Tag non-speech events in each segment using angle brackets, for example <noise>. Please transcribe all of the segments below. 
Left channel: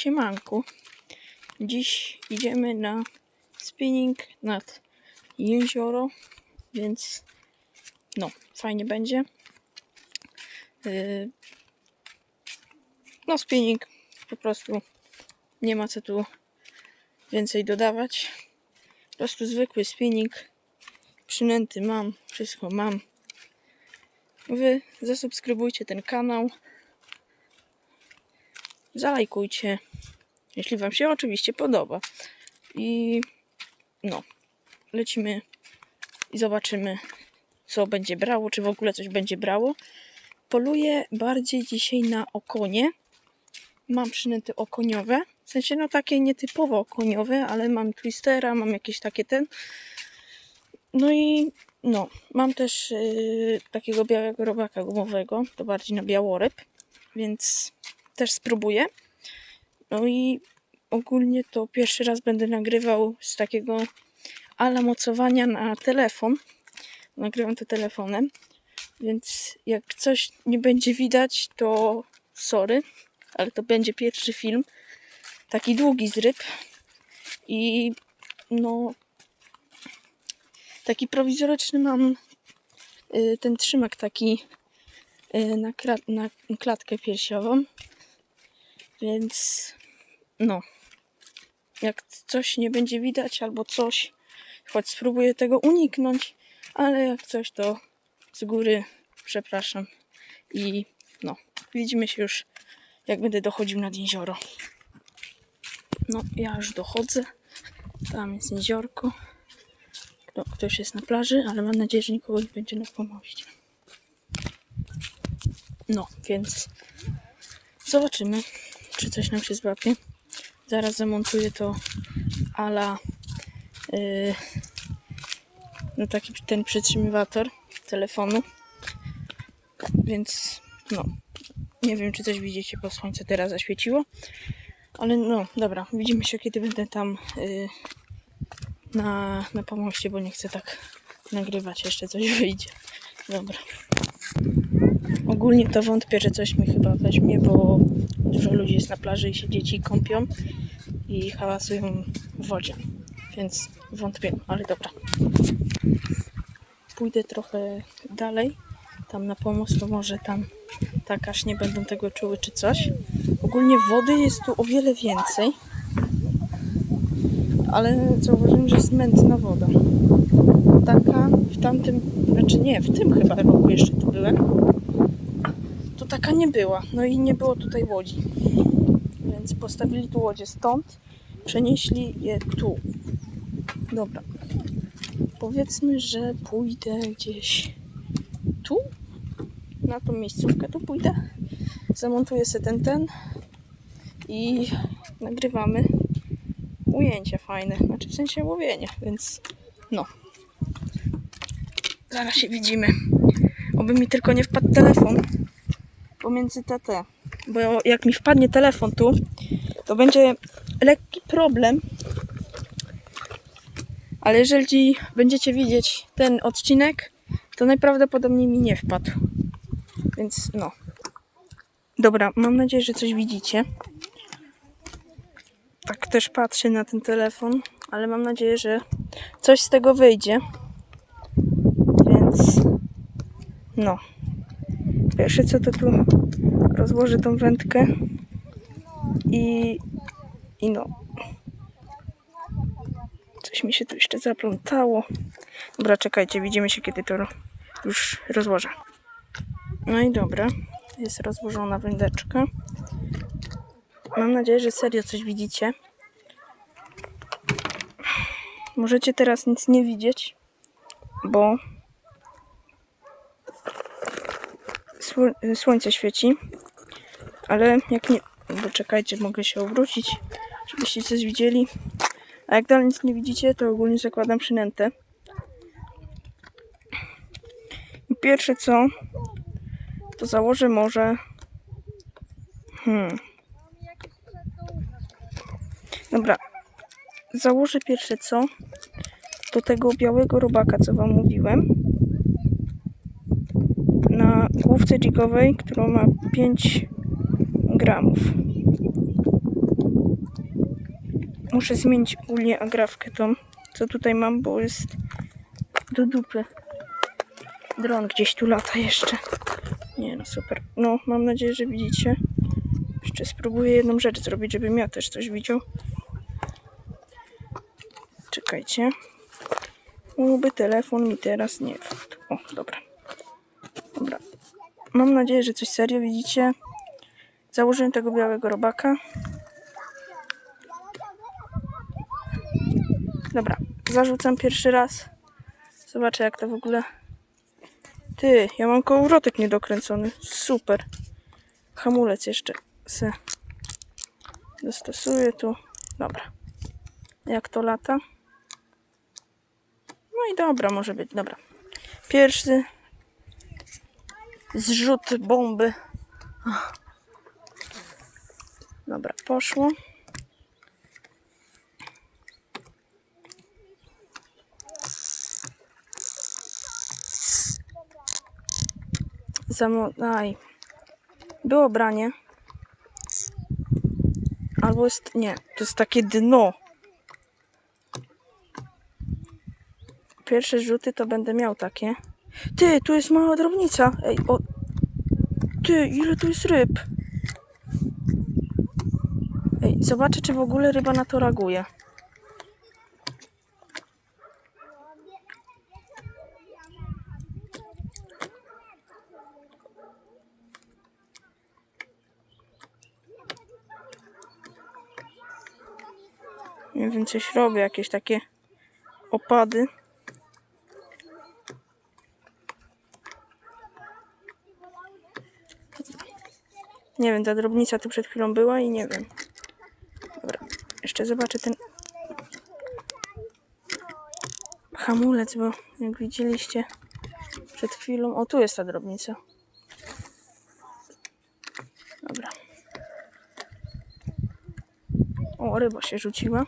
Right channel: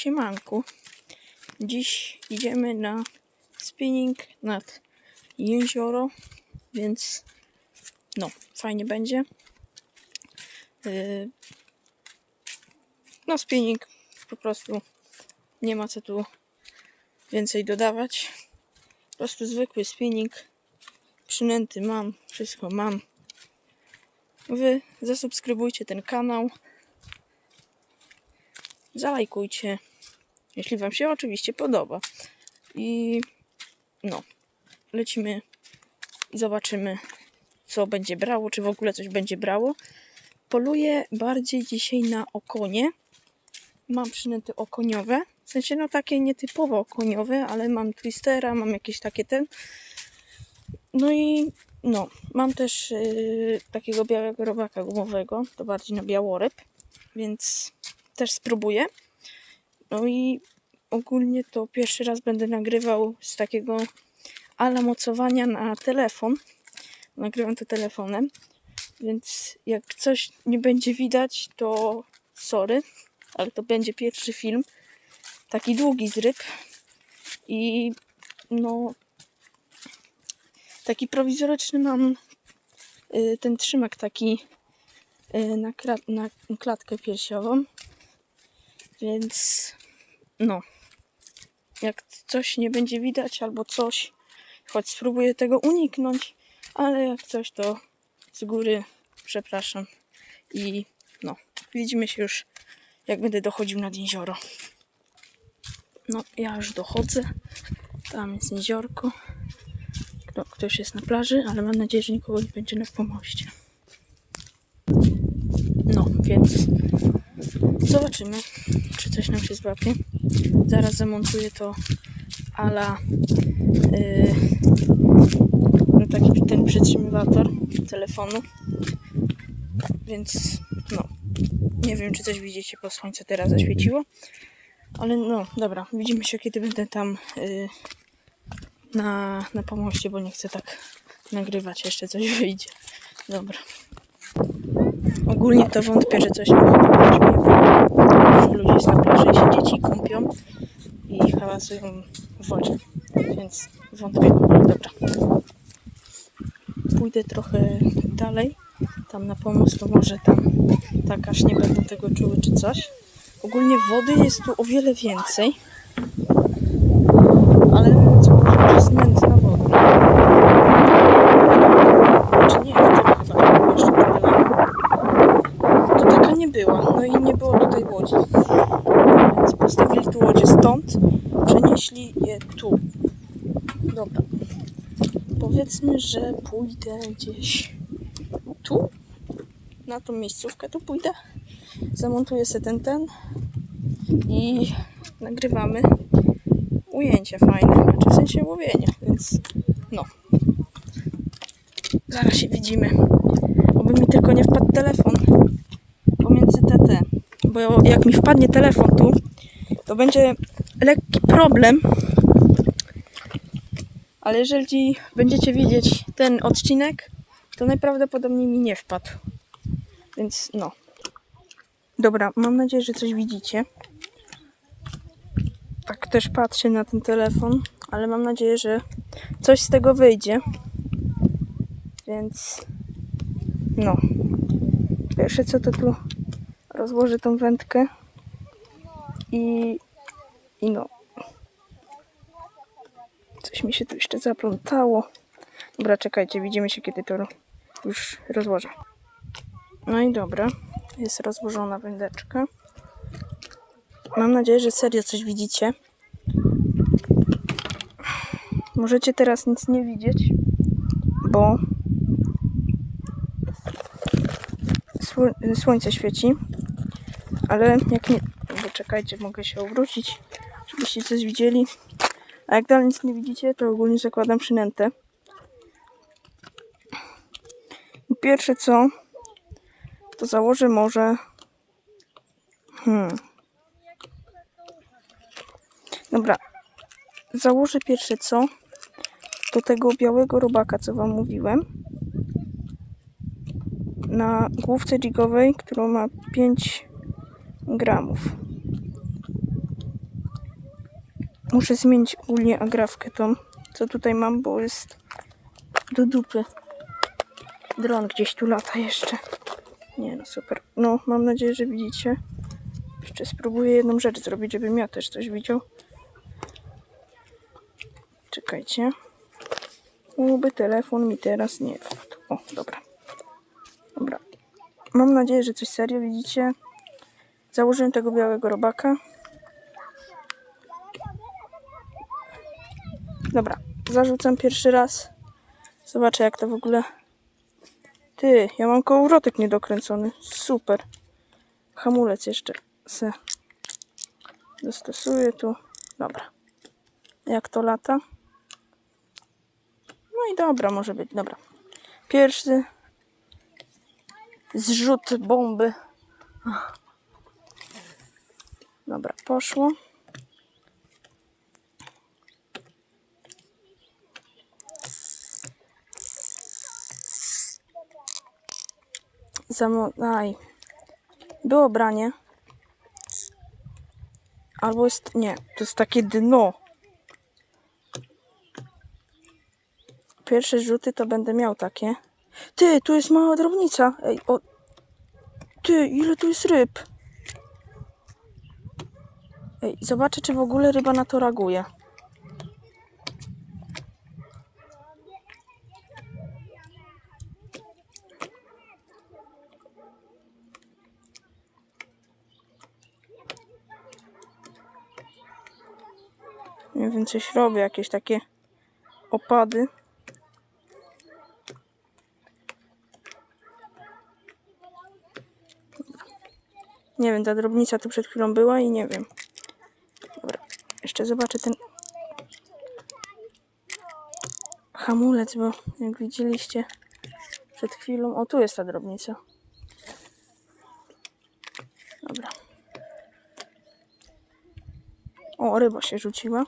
Siemanku. Dziś idziemy na spinning nad jezioro, więc no, fajnie będzie. Yy, No, spinning po prostu nie ma co tu więcej dodawać. Po prostu zwykły spinning. Przynęty mam, wszystko mam. Wy zasubskrybujcie ten kanał. Zalajkujcie, jeśli Wam się oczywiście podoba. I no, lecimy i zobaczymy, co będzie brało, czy w ogóle coś będzie brało. Poluję bardziej dzisiaj na okonie. Mam przynęty okoniowe. W sensie, no takie nietypowo okoniowe, ale mam twistera, mam jakieś takie ten. No i no, mam też yy, takiego białego robaka gumowego, to bardziej na białoryb, więc też spróbuję. No i ogólnie to pierwszy raz będę nagrywał z takiego ala mocowania na telefon. Nagrywam to telefonem, więc jak coś nie będzie widać, to sorry, ale to będzie pierwszy film. Taki długi z ryb. I no, taki prowizoryczny mam y, ten trzymak taki y, na, krat, na klatkę piersiową. Więc no, jak coś nie będzie widać albo coś, choć spróbuję tego uniknąć, ale jak coś to z góry przepraszam i no, widzimy się już jak będę dochodził nad jezioro. No, ja już dochodzę. Tam jest jeziorko. Kto, ktoś jest na plaży, ale mam nadzieję, że nikogo nie będzie na pomoście. No, więc zobaczymy, czy coś nam się złapie. Zaraz zamontuję to ala yy, no taki ten przytrzymywator telefonu. Więc no, nie wiem, czy coś widzicie, bo słońce teraz zaświeciło. Ale no, dobra, widzimy się, kiedy będę tam yy, na, na pomoście, bo nie chcę tak nagrywać, jeszcze coś wyjdzie. Dobra. Ogólnie to wątpię, że coś bo dużo ludzi jest na plaży i się dzieci kąpią i hałasują w wodzie, więc wątpię, dobra. Pójdę trochę dalej, tam na pomost, to może tam tak aż nie będą tego czuły czy coś. Ogólnie wody jest tu o wiele więcej, ale zauważyłem, że jest mętna woda. Czy nie, w tym chyba jeszcze była. To taka nie była. No i nie było tutaj łodzi. Więc postawili tu łodzie stąd, przenieśli je tu. Dobra. Powiedzmy, że pójdę gdzieś tu, na tą miejscówkę tu pójdę. Zamontuję sobie ten, ten i nagrywamy ujęcia fajne, znaczy w sensie łowienie, więc no. Zaraz się widzimy. Oby mi tylko nie wpadł telefon pomiędzy TT. Bo jak mi wpadnie telefon tu, to będzie lekki problem. Ale jeżeli będziecie widzieć ten odcinek, to najprawdopodobniej mi nie wpadł. Więc no. Dobra, mam nadzieję, że coś widzicie. Tak też patrzę na ten telefon, ale mam nadzieję, że coś z tego wyjdzie. Więc no. Pierwsze co to tu rozłożę tą wędkę i, i no. Coś mi się tu jeszcze zaplątało. Dobra, czekajcie, widzimy się kiedy to już rozłożę. No i dobra, jest rozłożona wędeczka. Mam nadzieję, że serio coś widzicie. Możecie teraz nic nie widzieć, bo sło- słońce świeci. Ale jak nie. Bo czekajcie, mogę się obrócić, żebyście coś widzieli. A jak dalej nic nie widzicie, to ogólnie zakładam przynętę. I pierwsze co, to założę może. Hmm. Dobra. Założę pierwsze co, do tego białego robaka, co wam mówiłem. Główce jigowej, którą ma 5 gramów. Muszę zmienić ogólnie agrawkę tą, co tutaj mam, bo jest do dupy. Dron gdzieś tu lata jeszcze. Nie no, super. No, mam nadzieję, że widzicie. Jeszcze spróbuję jedną rzecz zrobić, żebym ja też coś widział. Czekajcie. Byłby telefon mi teraz nie. O. Dobra. Mam nadzieję, że coś serio widzicie. Założyłem tego białego robaka. Dobra, zarzucam pierwszy raz. Zobaczę jak to w ogóle. Ty, ja mam kołowrotek niedokręcony. Super. Hamulec jeszcze se dostosuję tu. Dobra. Jak to lata? No i dobra, może być. Dobra. Pierwszy zrzut bomby. Dobra, poszło. Zamo... Aj. Było branie. Albo jest... Nie, to jest takie dno. Pierwsze rzuty to będę miał takie. Ty, tu jest mała drobnica. Ej, o... Ty, ile tu jest ryb? Ej, zobaczę, czy w ogóle ryba na to reaguje. Nie wiem, coś robię, jakieś takie opady. Nie wiem, ta drobnica tu przed chwilą była i nie wiem. Dobra, jeszcze zobaczę ten hamulec, bo jak widzieliście przed chwilą... O, tu jest ta drobnica. Dobra. O, ryba się rzuciła.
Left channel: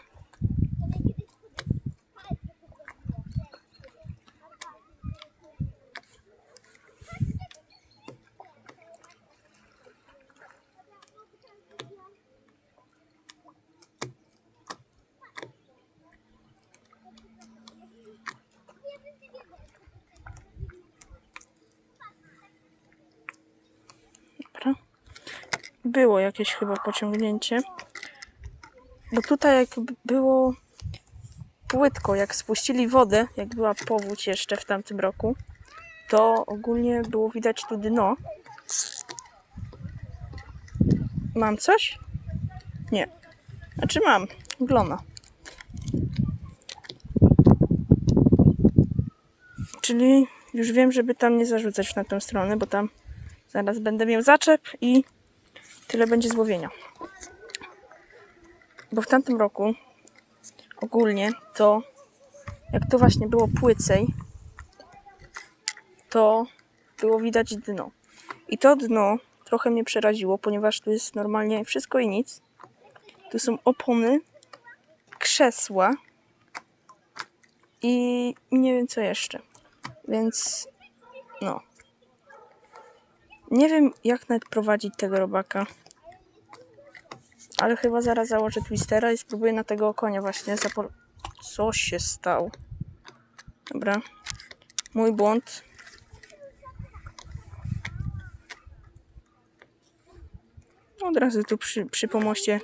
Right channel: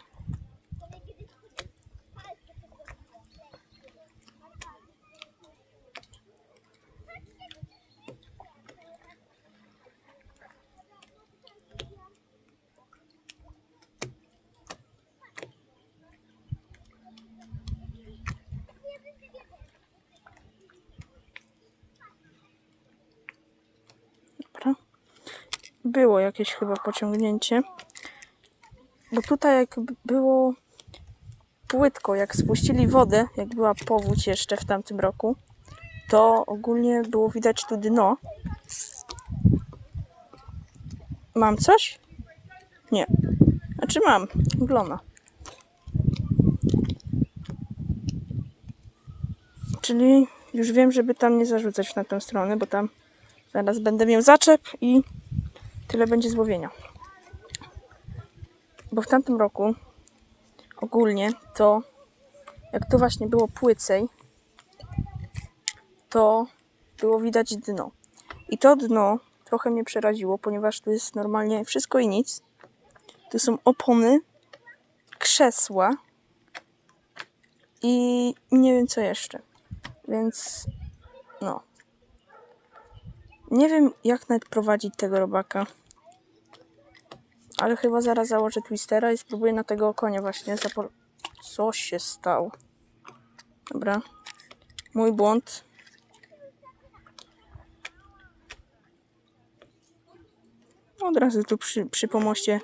Było jakieś chyba pociągnięcie. Bo tutaj jak było płytko, jak spuścili wodę, jak była powódź jeszcze w tamtym roku, to ogólnie było widać tu dno. Mam coś? Nie. Znaczy mam. Glona. Czyli już wiem, żeby tam nie zarzucać na tę stronę, bo tam zaraz będę miał zaczep i tyle będzie złowienia. Bo w tamtym roku ogólnie to jak tu właśnie było płycej, to było widać dno. I to dno trochę mnie przeraziło, ponieważ tu jest normalnie wszystko i nic. Tu są opony, krzesła i nie wiem co jeszcze. Więc no. Nie wiem jak nawet prowadzić tego robaka. Ale chyba zaraz założę twistera i spróbuję na tego konia właśnie. Co się stało? Dobra. Mój błąd. Od razu tu przy, przy pomoście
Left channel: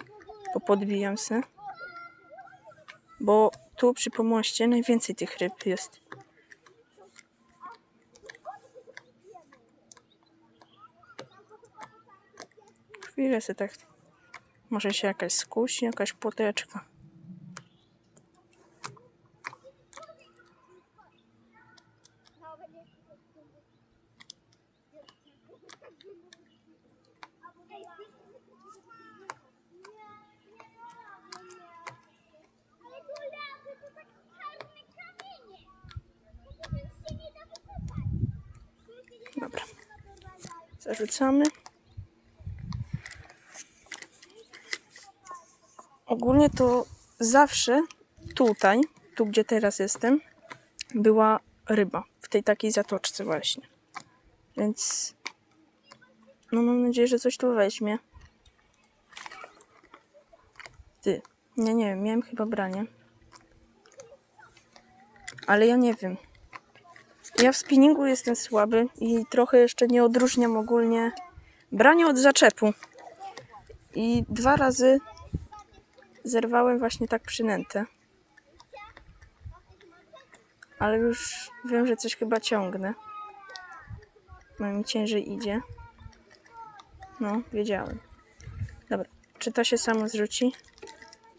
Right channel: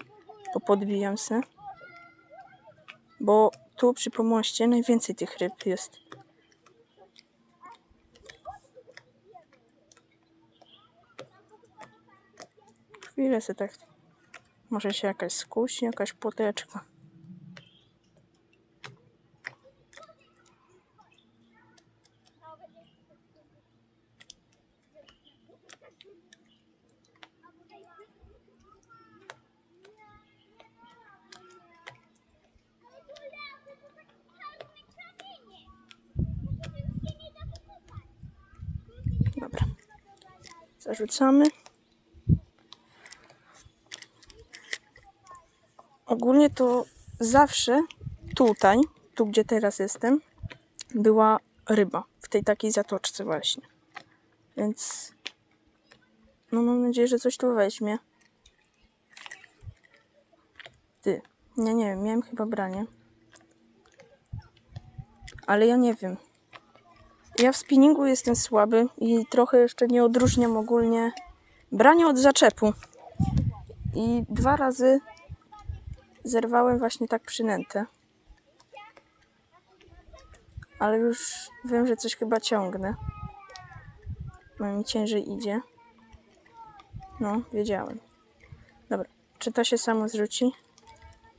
popodbijam se. Bo tu przy pomoście najwięcej tych ryb jest. Chwilę se tak może się jakaś skusi, jakaś płoteczka. Dobra. Zarzucamy. Ogólnie to zawsze tutaj, tu gdzie teraz jestem, była ryba. W tej takiej zatoczce właśnie. Więc no mam nadzieję, że coś tu weźmie. Ty, Nie, nie wiem, miałem chyba branie. Ale ja nie wiem. Ja w spinningu jestem słaby i trochę jeszcze nie odróżniam ogólnie brania od zaczepu. I dwa razy zerwałem właśnie tak przynętę. Ale już wiem, że coś chyba ciągnę. No mi ciężej idzie. No, wiedziałem. Dobra, czy to się samo zrzuci?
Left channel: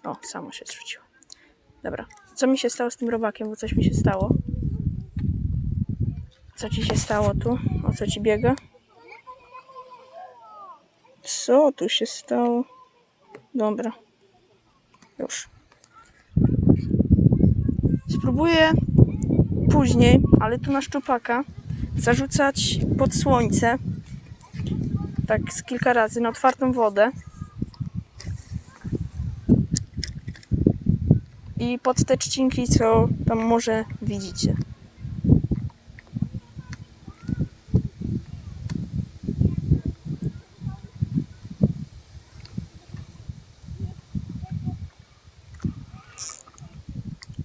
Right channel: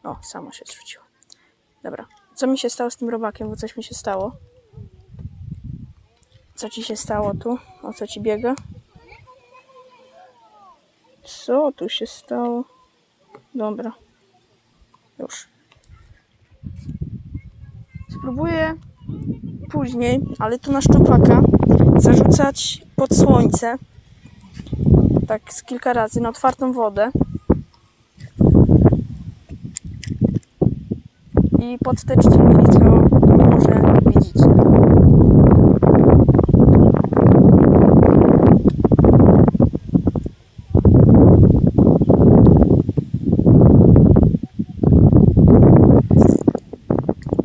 O, samo się zrzuciło. Dobra, co mi się stało z tym robakiem? Bo coś mi się stało. Co ci się stało tu? O co ci biega? Co tu się stało? Dobra. Już. Spróbuję później, ale tu na szczupaka, zarzucać pod słońce. Tak z kilka razy na otwartą wodę. I pod te trzcinki, co tam może widzicie.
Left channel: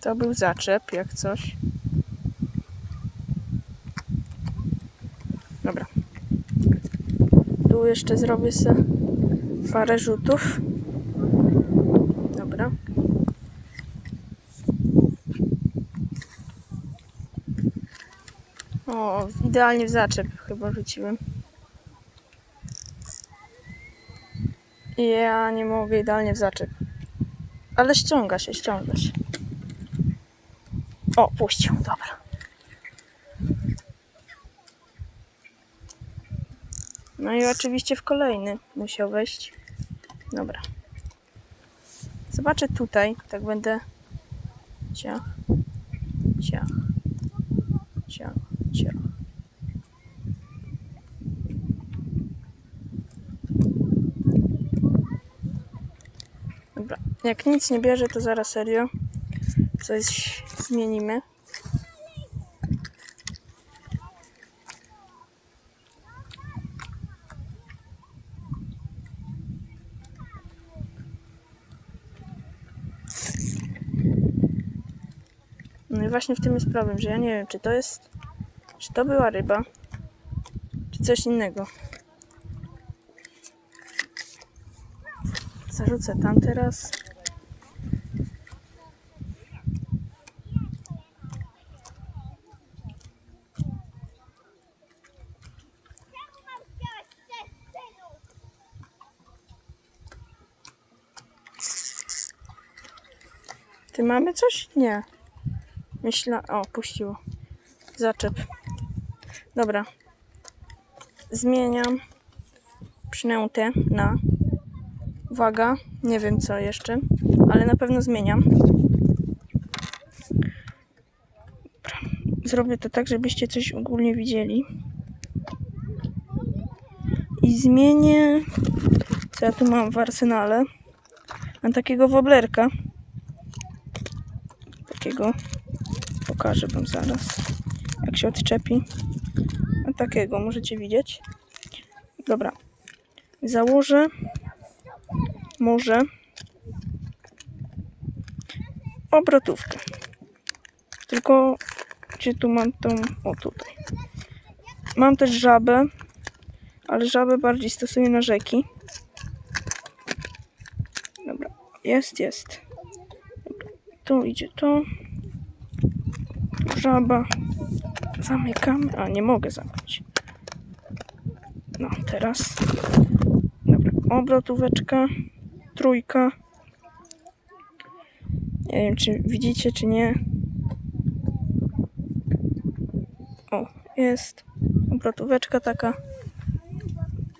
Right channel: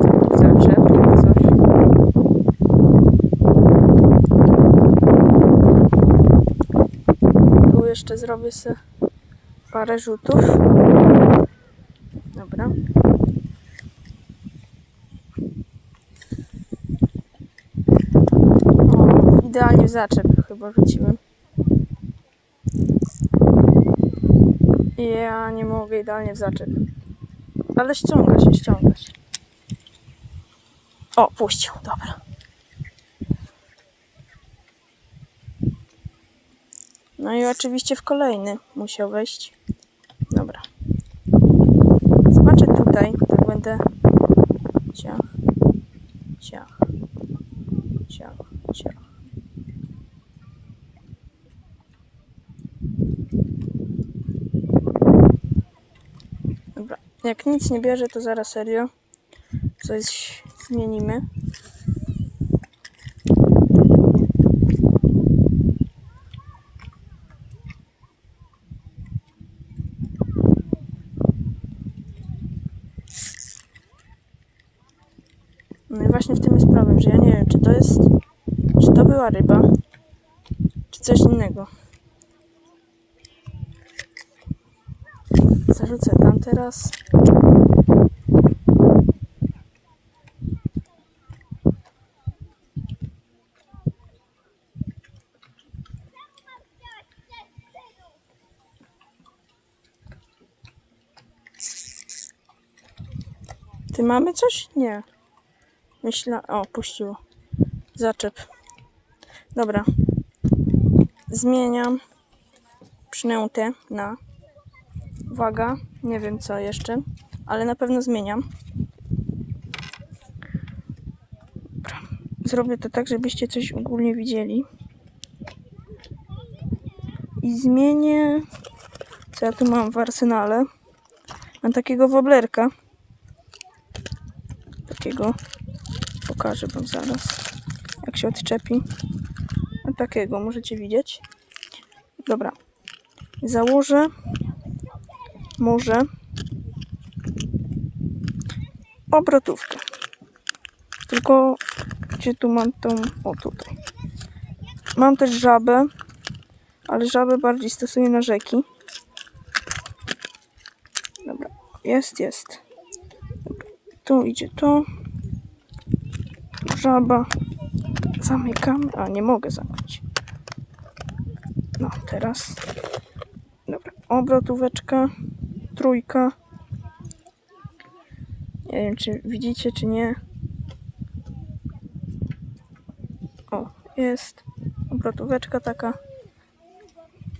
To był zaczep, jak coś. Tu jeszcze zrobię sobie parę rzutów. Dobra. O, idealnie w zaczep chyba rzuciłem. Ja nie mogę idealnie w zaczep. Ale ściąga się, ściąga się. O, puścił, dobra. No i oczywiście w kolejny musiał wejść. Dobra. Zobaczę tutaj, tak będę ciach, ciach, ciach, ciach. Dobra, jak nic nie bierze, to zaraz serio coś zmienimy. No i właśnie w tym jest problem, że ja nie wiem, czy to jest, czy to była ryba, czy coś innego. Zarzucę tam teraz. Ty mamy coś? Nie. Myślę. O, puściło. Zaczep. Dobra. Zmieniam przynętę na. Uwaga, nie wiem co jeszcze, ale na pewno zmieniam. Zrobię to tak, żebyście coś ogólnie widzieli. I zmienię. Co ja tu mam w arsenale? Mam takiego woblerka. Takiego. Pokażę wam zaraz. Jak się odczepi. Takiego możecie widzieć. Dobra. Założę. Może. Obrotówkę. Tylko gdzie tu mam tą. O tutaj. Mam też żabę. Ale żabę bardziej stosuję na rzeki. Dobra. Jest, jest. Dobra. Tu idzie to. Żaba. Zamykamy. A, nie mogę zamknąć. No, teraz. Dobra, obrotóweczka. Trójka. Nie wiem, czy widzicie, czy nie. O, jest. Obrotóweczka taka.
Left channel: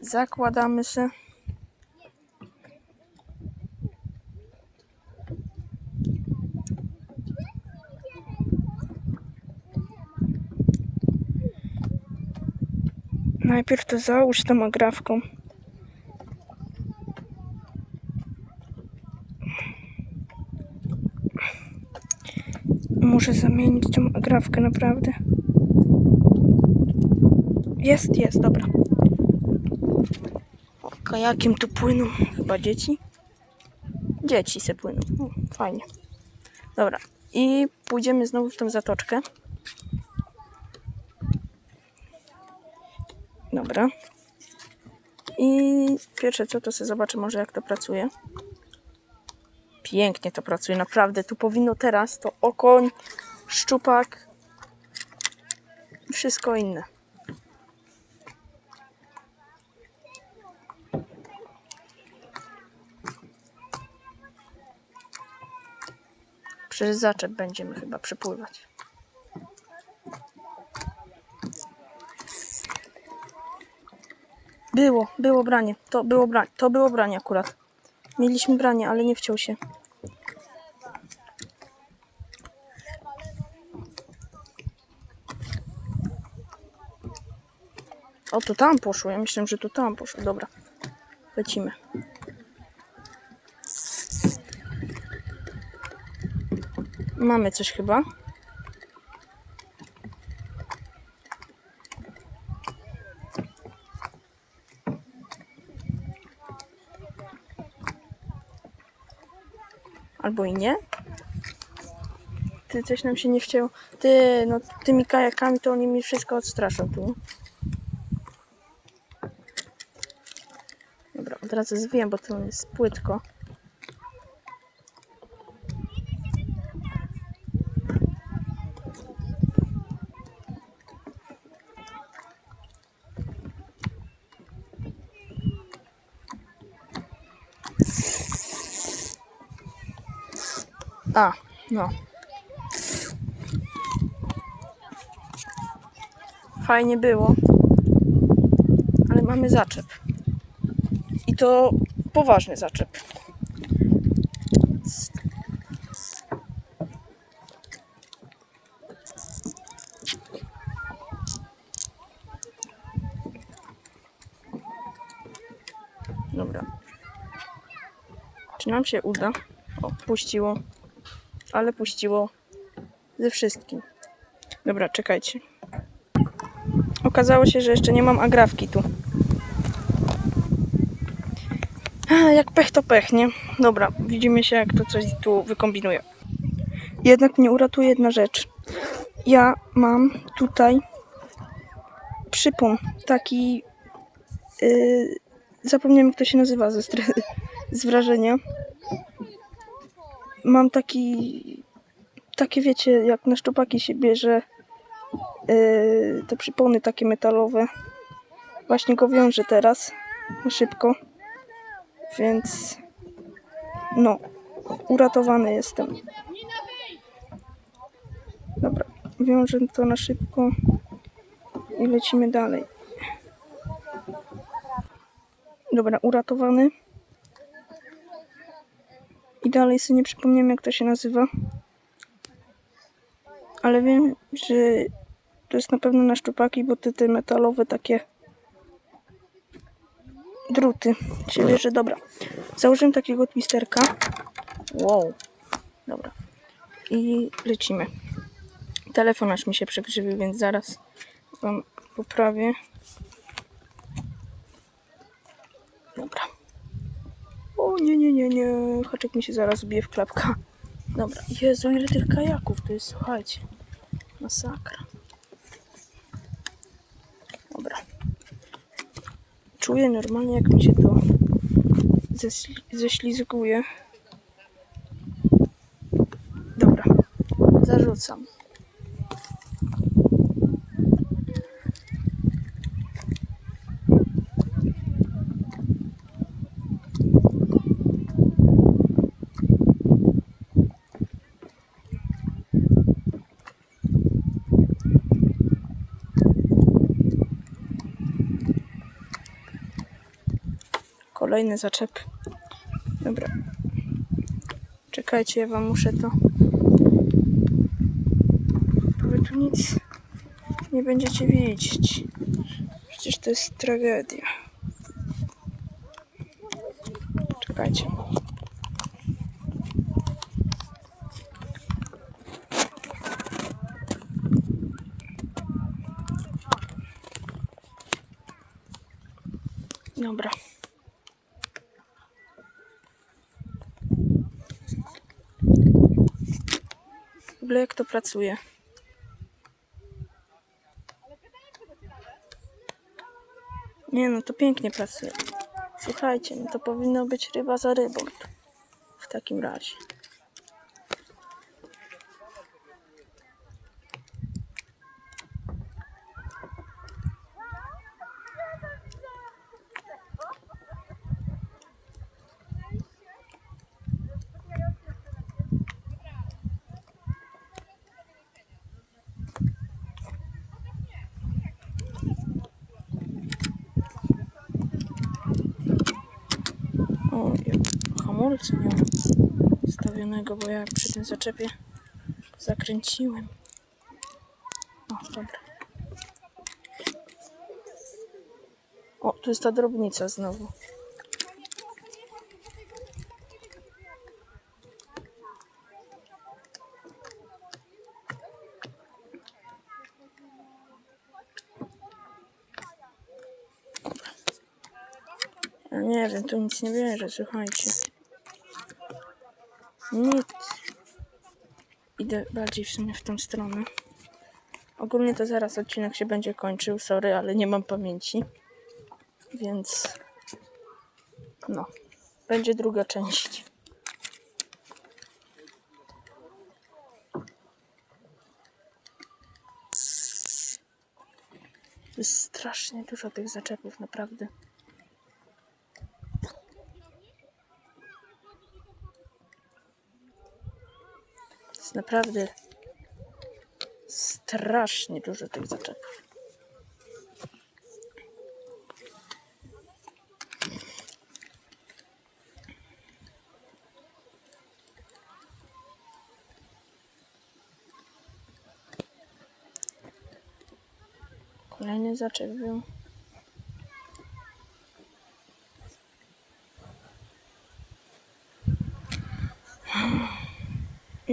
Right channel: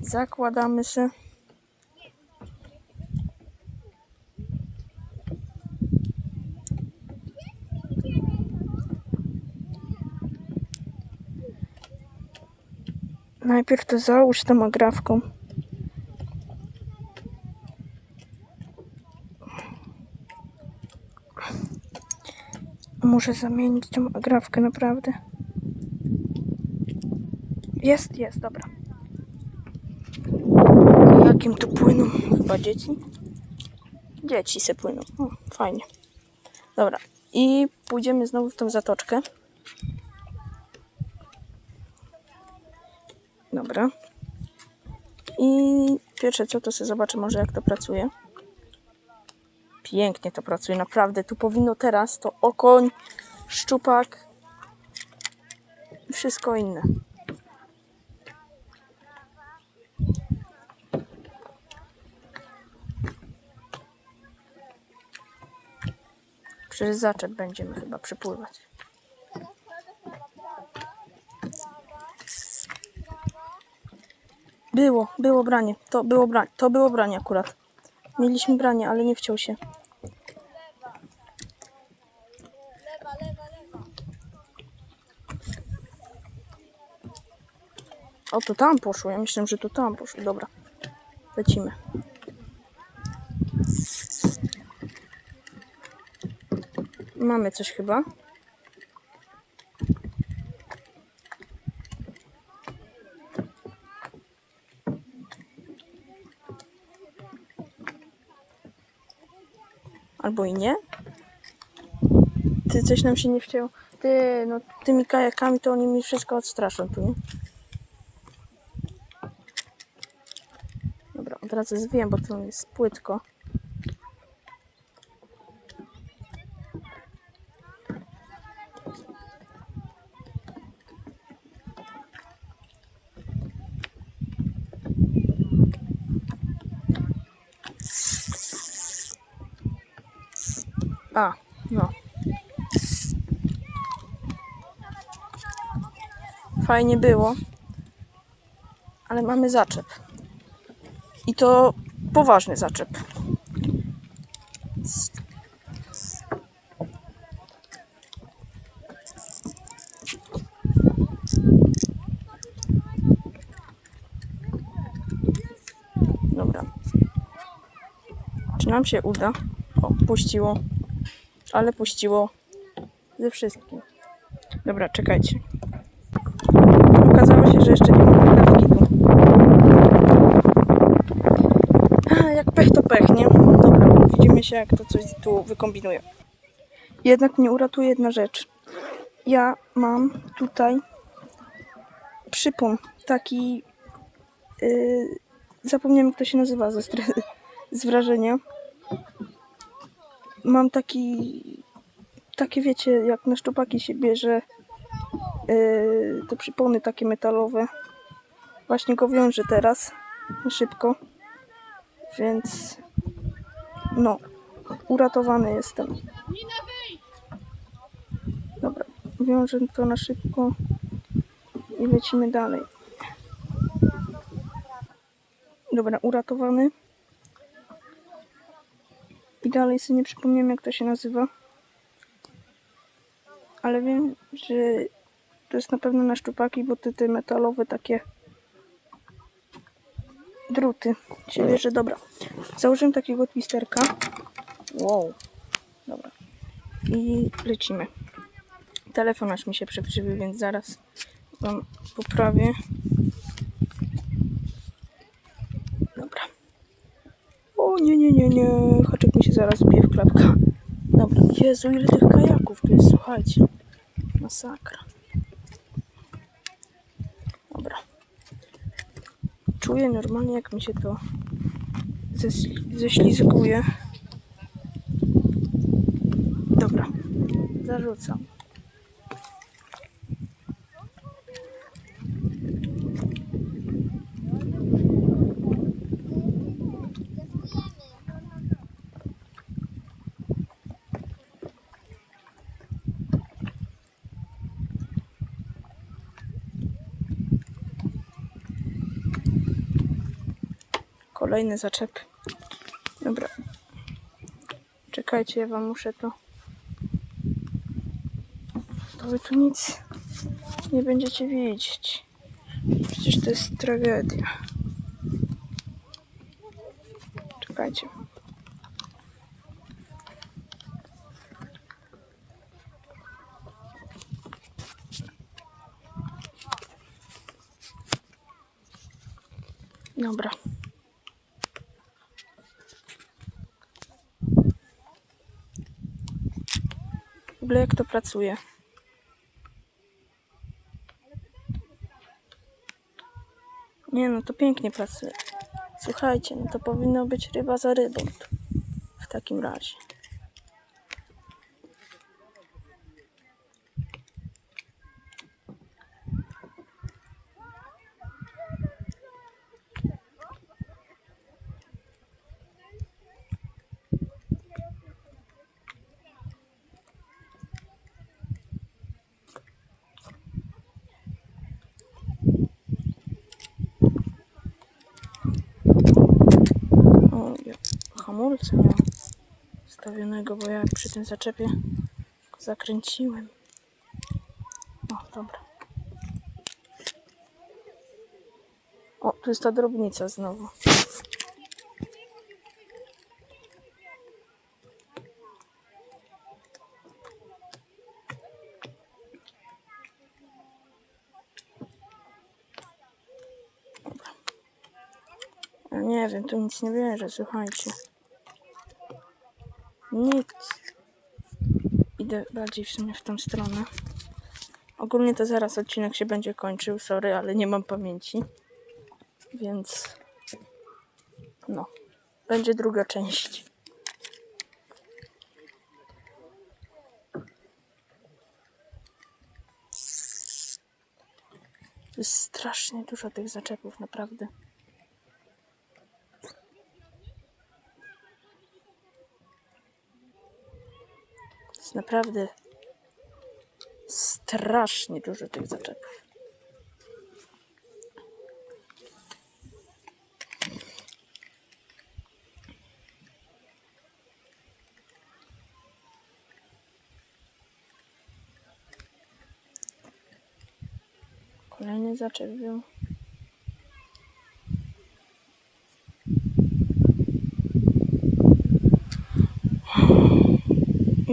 Zakładamy się. Najpierw to załóż tą agrafką. Muszę zamienić tą agrafkę naprawdę. Jest, jest, dobra. Kajakiem tu płyną chyba dzieci. Dzieci se płyną. O, fajnie. Dobra. I pójdziemy znowu w tą zatoczkę. Dobra. I pierwsze co to sobie zobaczę może jak to pracuje. Pięknie to pracuje, naprawdę. Tu powinno teraz to okoń, szczupak i wszystko inne. Przez zaczep będziemy chyba przypływać. Było, było branie. To było branie. To było branie akurat. Mieliśmy branie, ale nie wciął się. O, to tam poszło. Ja myślałem, że to tam poszło. Dobra. Lecimy. Mamy coś chyba. Albo i nie. Ty coś nam się nie wcięło. Ty, no tymi kajakami to oni mi wszystko odstraszą tu? Dobra, od razu zwijam, bo to jest płytko. A, no. Fajnie było, ale mamy zaczep. I to poważny zaczep. Dobra. Czy nam się uda? O, puściło. Ale puściło ze wszystkim. Dobra, czekajcie. Okazało się, że jeszcze nie mam agrafki tu. Jak pech to pech, nie? Dobra, widzimy się jak to coś tu wykombinuje. Jednak mnie uratuje jedna rzecz. Ja mam tutaj przypon, taki yy, zapomniałem jak to się nazywa ze <laughs> z wrażenia. Mam taki takie wiecie, jak na szczupaki się bierze yy, te przypony takie metalowe. Właśnie go wiążę teraz szybko. Więc no, uratowany jestem. Dobra, wiążę to na szybko i lecimy dalej. Dobra, uratowany. Dalej sobie nie przypomniałem jak to się nazywa. Ale wiem, że to jest na pewno na szczupaki, bo te, te metalowe takie druty się bierze. Dobra, założyłem takiego twisterka. Wow, dobra. I lecimy. Telefon aż mi się przekrzywił, więc zaraz wam poprawię. Dobra. O nie, nie. Haczyk mi się zaraz bije w klapka. Dobra. Jezu, ile tych kajaków tu jest, słuchajcie. Masakra. Dobra. Czuję normalnie, jak mi się to ześlizguje. Dobra. Zarzucam. Kolejny zaczep. Dobra. Czekajcie, ja wam muszę to. To wy tu nic nie będziecie widzieć. Przecież to jest tragedia. Czekajcie. Dobra. Ogóle jak to pracuje. Nie no, to pięknie pracuje. Słuchajcie, no to powinno być ryba za rybą. W takim razie. O, ja hamulca mam stawionego, bo ja przy tym zaczepie zakręciłem. O, dobra. O, tu jest ta drobnica znowu. Nie wiem, tu nic nie bierze, słuchajcie. Nic. Idę bardziej w sumie w tą stronę. Ogólnie to zaraz odcinek się będzie kończył, sorry, ale nie mam pamięci. Więc no, będzie druga część. Jest strasznie dużo tych zaczepów, naprawdę. Naprawdę strasznie dużo tych zaczepów. Kolejny zaczep był.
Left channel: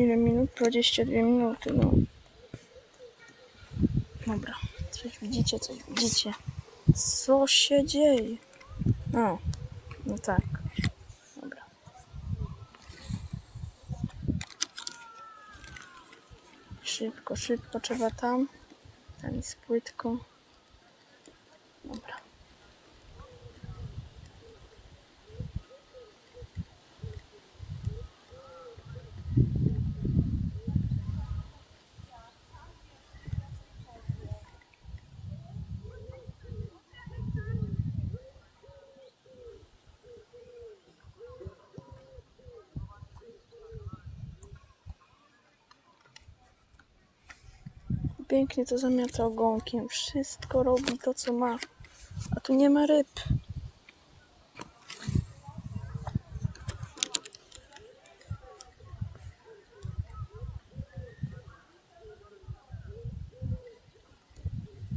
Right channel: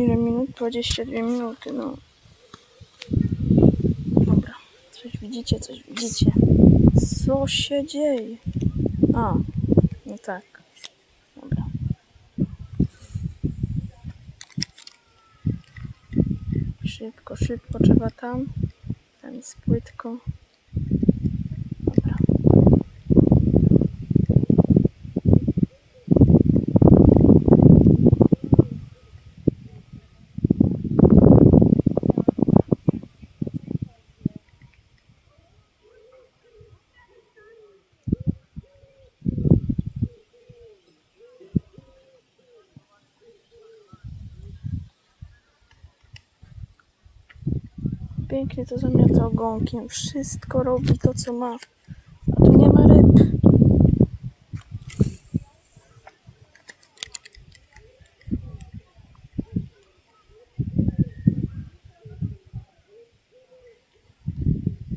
Ile minut? 22 minuty, no. Dobra. Coś widzicie, coś widzicie. Co się dzieje? A, no tak. Dobra. Szybko, szybko trzeba tam. Tam jest płytko. Dobra. Pięknie to zamiata ogonkiem. Wszystko robi to, co ma. A tu nie ma ryb.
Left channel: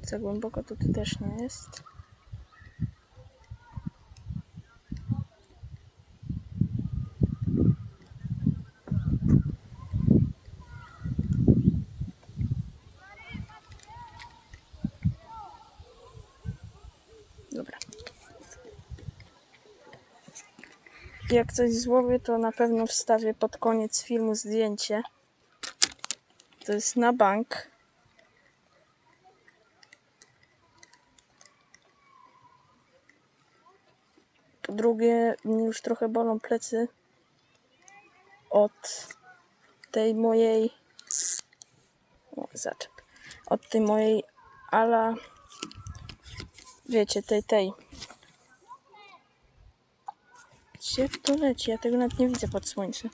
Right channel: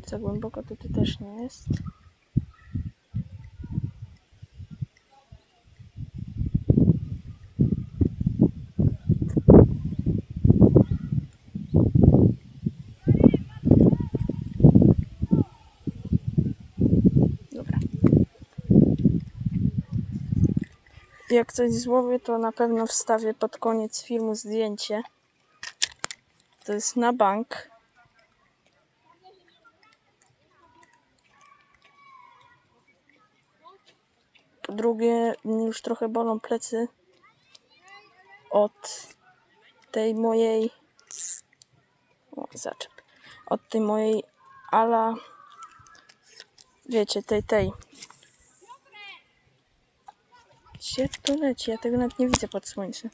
Za głęboko to tu też nie jest. Dobra. Jak coś złowię, to na pewno wstawię pod koniec filmu zdjęcie. To jest na bank. Po drugie, mnie już trochę bolą plecy od tej mojej. O, zaczep. Od tej mojej ala. Wiecie, tej, tej. Gdzie to leci? Ja tego nawet nie widzę pod słońcem.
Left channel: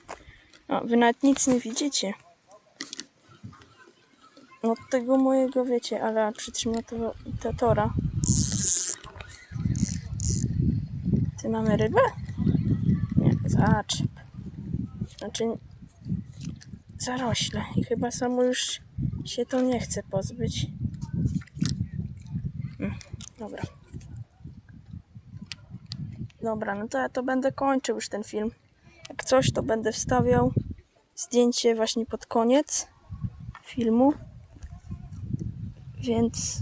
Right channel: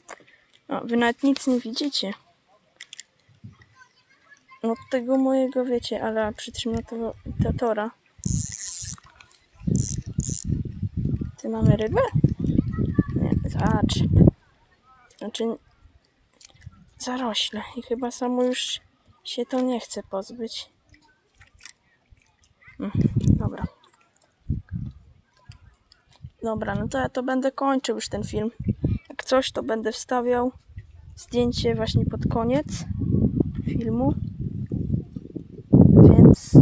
O, wy nawet nic nie widzicie. Od tego mojego, wiecie, ale przytrzymatora. Ty mamy rybę? Nie, zaczep. Znaczy, zarośle. I chyba samo już się to nie chce pozbyć. Mm, dobra. Dobra, no to ja to będę kończył już ten film. Jak coś, to będę wstawiał zdjęcie właśnie pod koniec filmu. Więc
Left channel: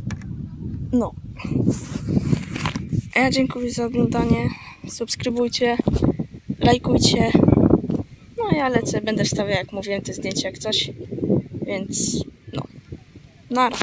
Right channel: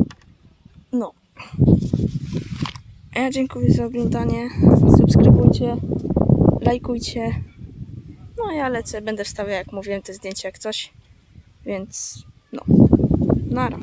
no. Ja dziękuję za oglądanie. Subskrybujcie, lajkujcie. No ja lecę, będę wstawiał, jak mówiłem, te zdjęcia jak coś. Więc no, nara.